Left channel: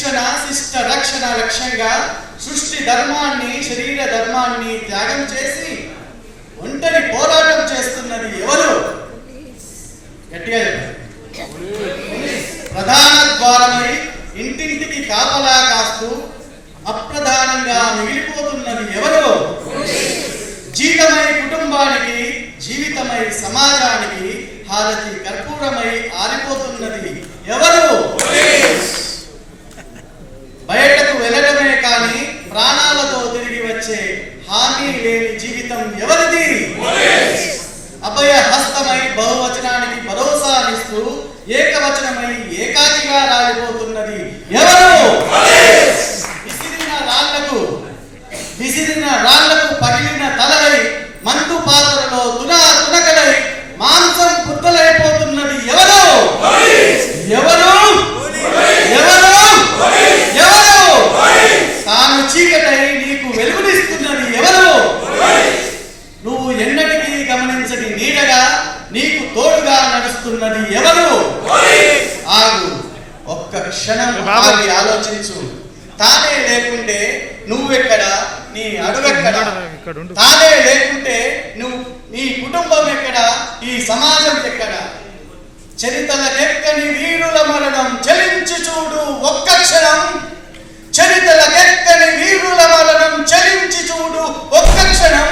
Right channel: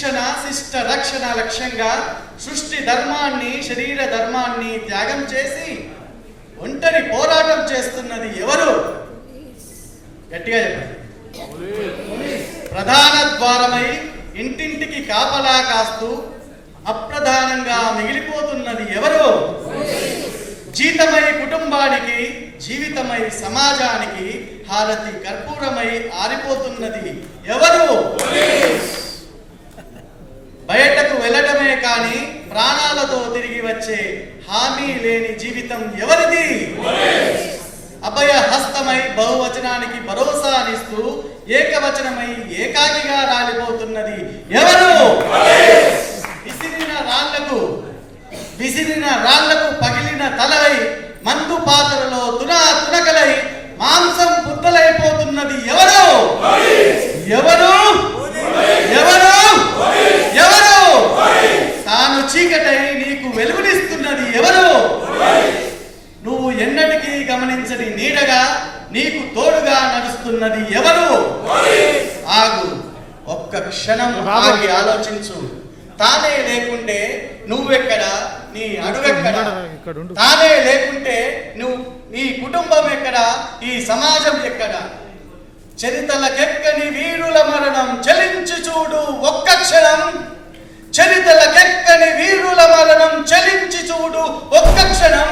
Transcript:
శిక్షణ శిష్ట రక్షణ లక్ష్యంగా సృష్టి ధర్మాన్ని శరీర ధర్మాన్ని త్యాగం చేసి ఒంటరి పోరాటం చేస్తున్నది ఎవరు? గట్టిగా చెప్పండి. ప్రధాన ద్వారమై ఇంటింటికి కాపలా కాస్తూ అప్రధానంగా మిగిలిపోతున్నది ఎవరు? జీతమై కుటుంబానికి జీవితమై సమాజానికి హారతి కర్పూరమై ఆరిపోతున్నది ఎవరు? బయటకు వెళ్ళడమే కానీ ప్రాణాలతో తిరిగి వచ్చే హామీ లేని జీవితం ఎవరిది? అభయ హస్తమై బహువచనానికి భరోసానిస్తూ ఏకవచనమై ఏకాకిగా రాలిపోతున్నది ఎవరు? విసిరిన రాళ్లకు పగిలిన తలలై మందు పాత్రలో తునకలై మాంసం బుద్ధలైపోతున్నది ఎవరు? ఎవరు? ఎవరు? ఎవరు? తాను చీకటై నీకు వెలుగునిస్తున్నది ఎవరు? నువ్వు ఎన్నటికీ గమనించని నీడగా నీకు తోడుగా నడుస్తున్నది ఎవరు? ఆగు, ఒక్క క్షణం ఆగి ఆలోచించు. తానే లేకుంటే నువ్వెక్కడ, నీ అడుగెక్కడ? తానే లేకుంటే నీ కుటుంబం ఎక్కడ, ఈ సమాజం ఎక్కడ? చరితలకెక్కని వీరుల మరణం చలించి చూడు ఒక్క క్షణం. చరితలకెక్కని వీరుల మరణం చలించి చూడు ఒక్క క్షణం.